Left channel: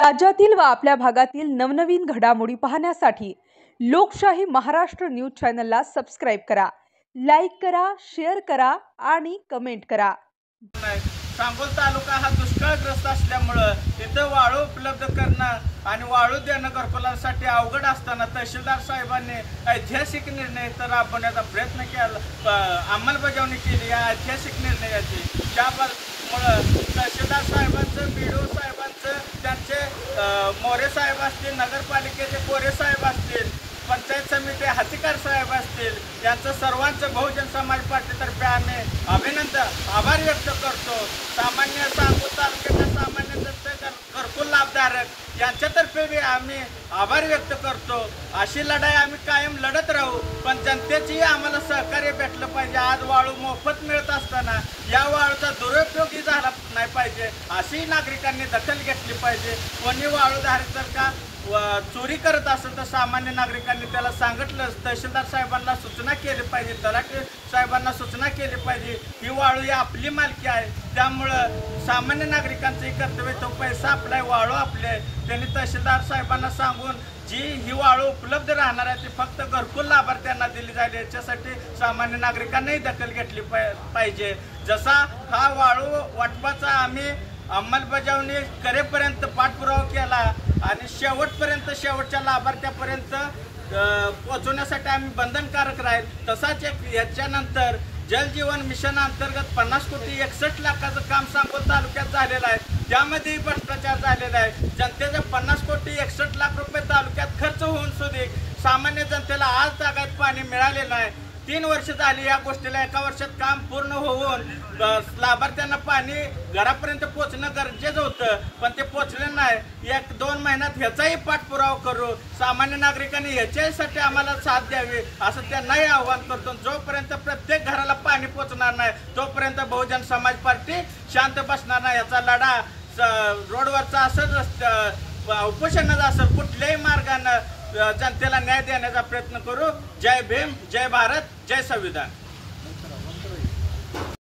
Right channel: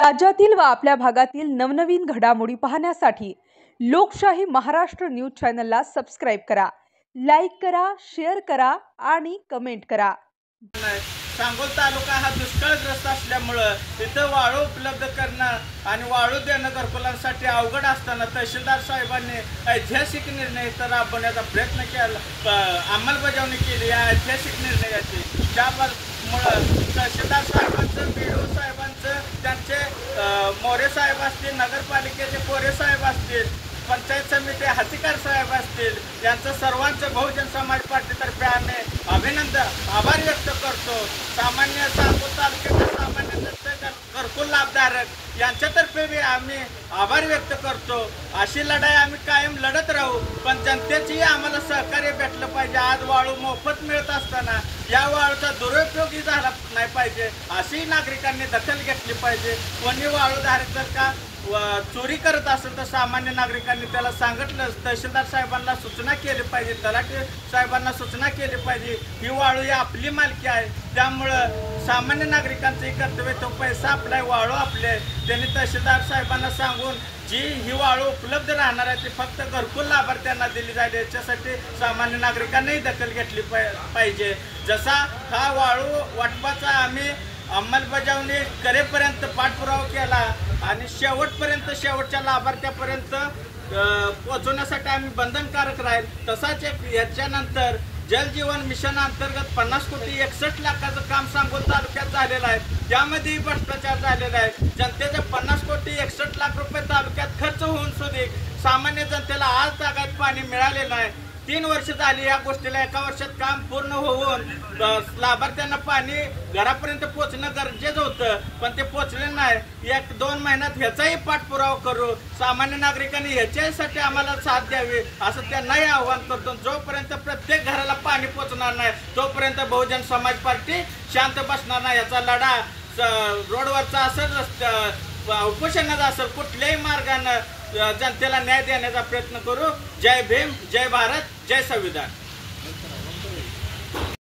राज्यातील व आपल्या भागातील नवनवीन घडामोडी पाहण्यासाठी लोकशाही महाराष्ट्र न्यूज चॅनलला सबस्क्राइब करा, लाईक करा, शेअर करा आणि कमेंट करा। सांगोल तालुका हा दुष्काळग्रस्त असल्यामुळे इथं वाळू उपलब्ध करणं आणि वाळू देणं घरकुलांसाठी अवघड असताना तहसीलदार साहेबांनी ऐतिहासिक निर्णय इथं राबवण्याचा प्रयत्न केला, अंमलबजावणी केली या ऐतिहासिक निर्णयाची। त्यामुळं तहसीलदार साहेबांचं, बीडीओ साहेबांचं, त्यांचे मोरे साहेब असतील, नगरपालिकेचे कोरे साहेब असतील, पंचायत समिती हातीकार साहेब असतील, यांचं सर्वांचं बहुजन समाज पार्टीतर्फे आम्ही आभार व्यक्त करतो। सामान्य सांगोल तालुक्याच्या सामान्य जनतेचे घरकुल लाभधारक यांच्यातर्फे बी आम्ही आभार व्यक्त करतो। अशी लढाई आम्ही कायम लढत राहू, पण जनतेची आम्हाला सहकार्य भेटलं पाहिजे। आज वाळू मोफत मिळत असताना या वाळूचा दुरुपयोगही झाला नाही पाहिजे, अशी नागरिकांनी दखल घेतली पाहिजे। कोणी वाळूधारक जर का चोरी करत असेल तर सामान्य नागरिकांनी त्याला सांगितलं, तहसीलदार साहेबांना सूचना केली पाहिजे, तलाठी साहेबांना सूचना केली पाहिजे। ही वाळू ही आपली मालकी आहे, त्यामुळं सामान्य नागरिकांचंही कर्तव्य, तो पैसा आपला आहे, वाळू आपले आहे। त्यांनी तहसीलदार साहेबांना सांगून जी ही वाळू उपलब्ध राहणार आहे ती फक्त घरकुल लाभार्थ्यांना दिली जाईल, याच्यासाठी सामान्य नागरिकांनाही दखल घेतली पाहिजे। जसा हा वाळू वाटपाचा आम्ही अंमलबजावणी करेपर्यंत पाठपुरावा केला आणि शेवटच्या लाभार्थ्यापर्यंत पोहोचवण्यासाठी आम्ही बंधनकारक राहील, तसाच याच्यानंतर जल जीवन मिशन अंतर्गत 50,61,00,000 काम सांगोल तालुक्यात झालेलं आहे। त्यामध्येही भ्रष्टाचार झालेला आहे। जनतेचे 50,61,00,000 रुपये तालुक्यात खर्च होऊन सुद्धा सामान्य जनतेला आज तागायत पाणी मिळालेलं आहे। 3 वर्ष झाली या गोष्टीला, 1 वर्षात काम पूर्ण होऊन लाभार्थ्यांना पाणी घरापर्यंत पोहोचणं गरजेचं होतं, पण ते पोहोचले नाही। 1-2 महिन्यात ह्याचाही पाठपुरावा करू, सामान्य नागरिकांनी ह्याच्यासाठी आम्हाला साथ द्यावी असं त्यांनाही आवाहन करतो। जोपर्यंत प्रत्येक घराला पाणी पोहोचणार नाही तोपर्यंत बहुजन समाज पार्टी शांत बसणार नाही। याचा लढा रोडवरचा असेल, उपोषणाचा असेल, कुठल्याही मार्गाने जनतेला न्याय देण्याचा प्रयत्न करू। जय भीम, जय भारत, जय संविधान।